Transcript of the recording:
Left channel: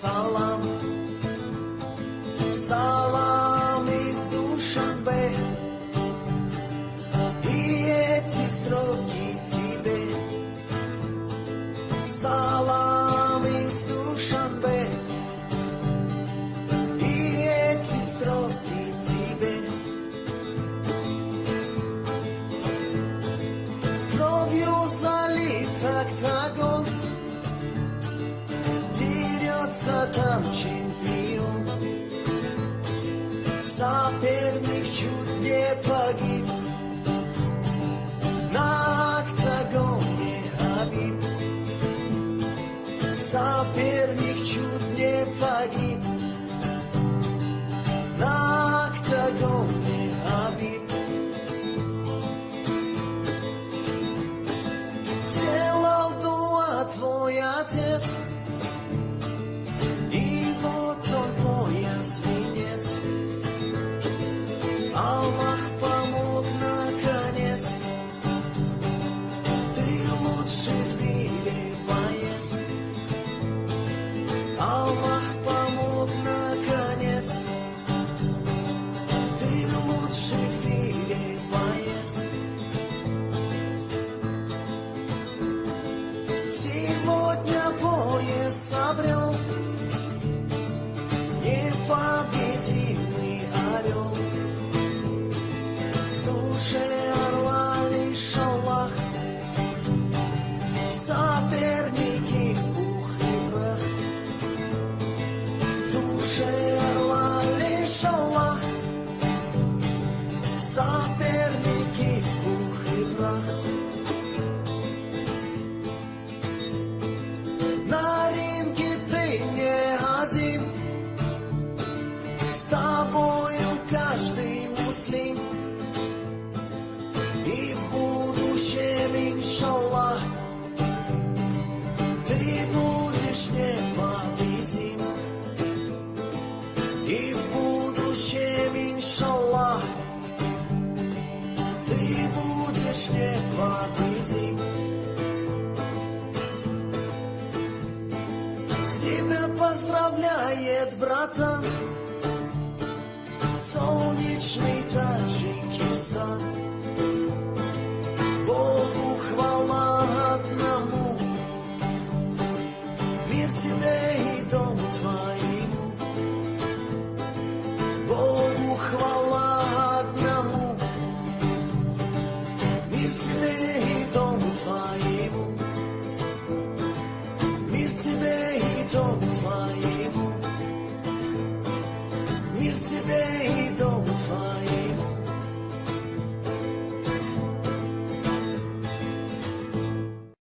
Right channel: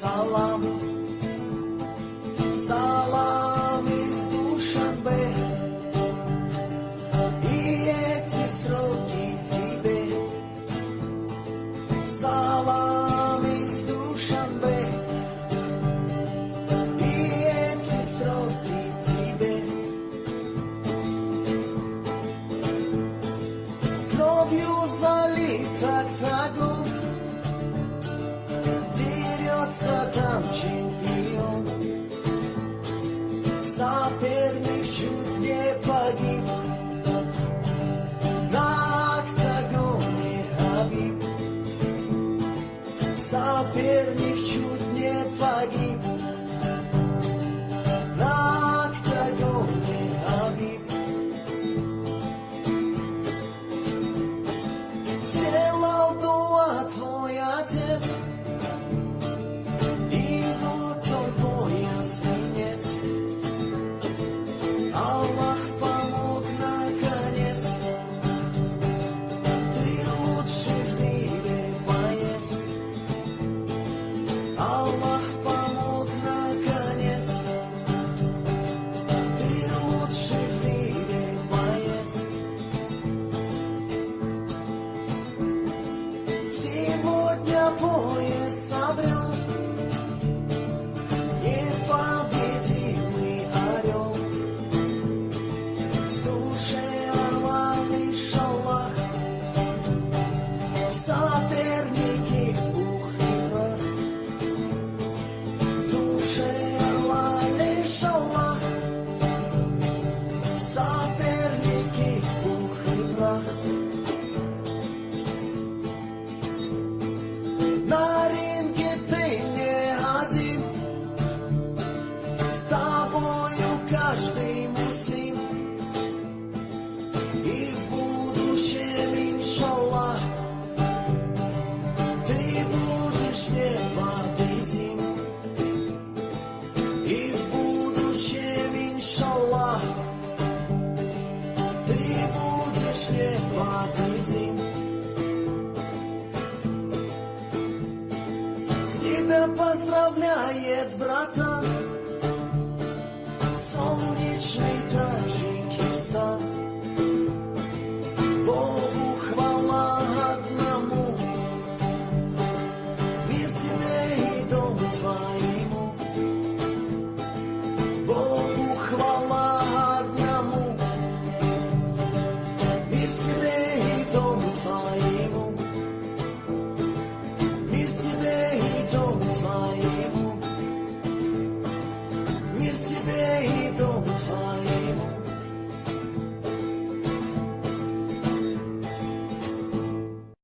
салам. Салам из Душанбе, и эти строки тебе. Салам из Душанбе, и эти строки тебе. Кровью залит октагон, дерется там чемпион. Соперник чуть не погиб, на октагоне Хабиб. Соперник чуть не погиб, на октагоне Хабиб. Сделал дуа твой отец, и вот он мой свинец. Аллах помог наконец, ты лучший в мире боец. Аллах помог наконец, ты лучший в мире боец. Сегодня пояс обрел непобедимый орел. В душе орла лишь Аллах, соперники в пух и прах. В душе орла лишь Аллах, соперники в пух и прах. На ринге ты не один, с тобою каждый муслим. И в будущем, иншаллах, ты будешь непобедим. И в будущем, иншаллах, ты будешь непобедим. Тебя поздравляет, братан, солнечный Таджикистан.